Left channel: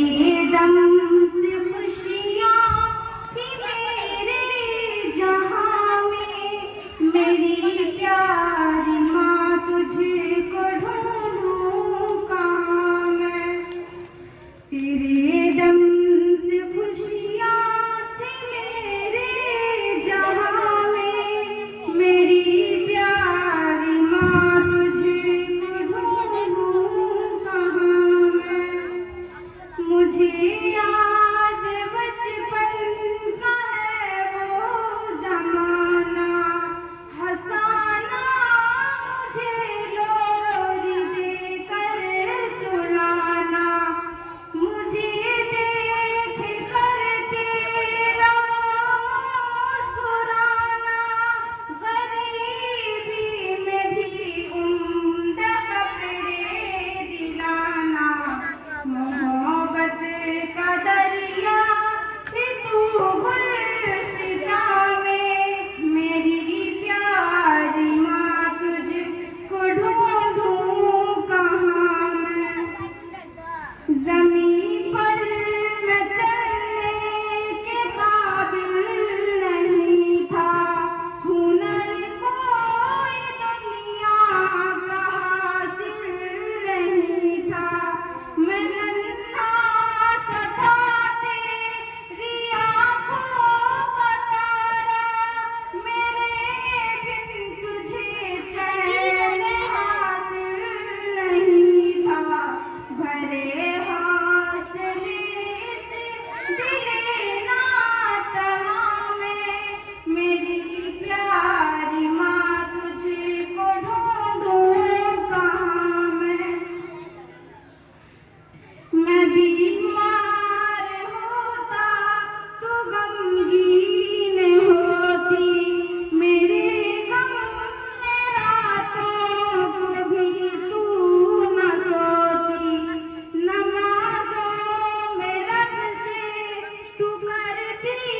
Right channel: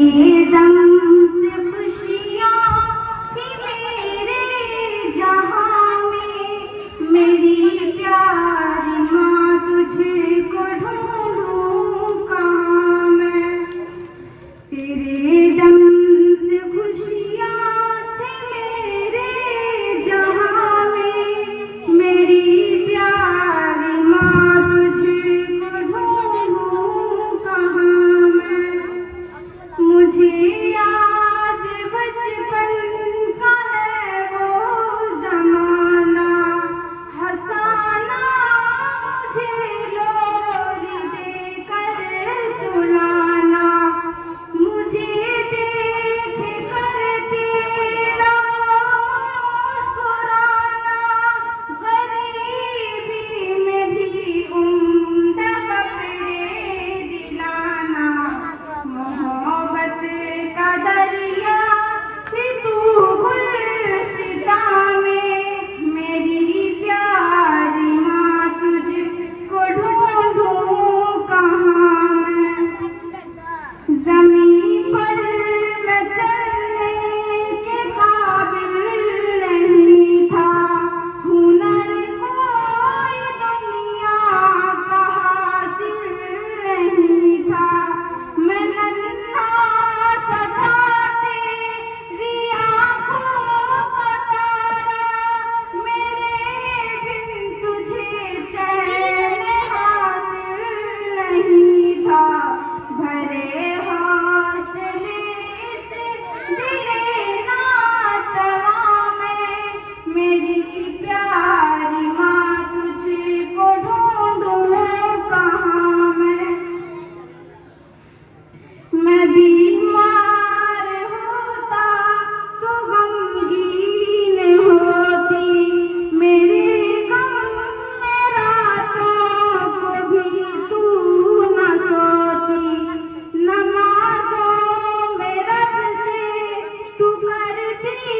तेरे दम से खुशियाँ थी मेरे जहाँ में, मेरी प्यारी माँ तुझको ढूंढूं कहाँ मैं। तेरे दम से खुशियाँ थी मेरे जहाँ में, मेरी प्यारी माँ तुझको ढूंढूं कहाँ मैं। मुझे याद बचपन का है वो जमाना, हंसाना मुझे लोरी देकर सुलाना, मुझे देख कर तेरा मुस्कुराना, गरीबी में भी उम्दा कपड़े दिलाना। मोहब्बत का दरिया थी तू गुलसिता में, मेरी प्यारी माँ तुझको ढूंढूं कहाँ मैं। ज़मीं पर मैं चलने के काबिल नहीं था, हुनर कोई दुनिया का हासिल नहीं था। मैं नन्हा सा था तेरी आँखों का तारा, मेरे बिन तुझे चैन हासिल नहीं था। भरे हौसले से दिले नातवा में, मेरी प्यारी माँ तुझको ढूंढूं कहाँ मैं। मैं बीमार होता तो गमगीन होती, मेरे गम में रातों को भी तू न सोती। नमाज़ों में रब से तू करती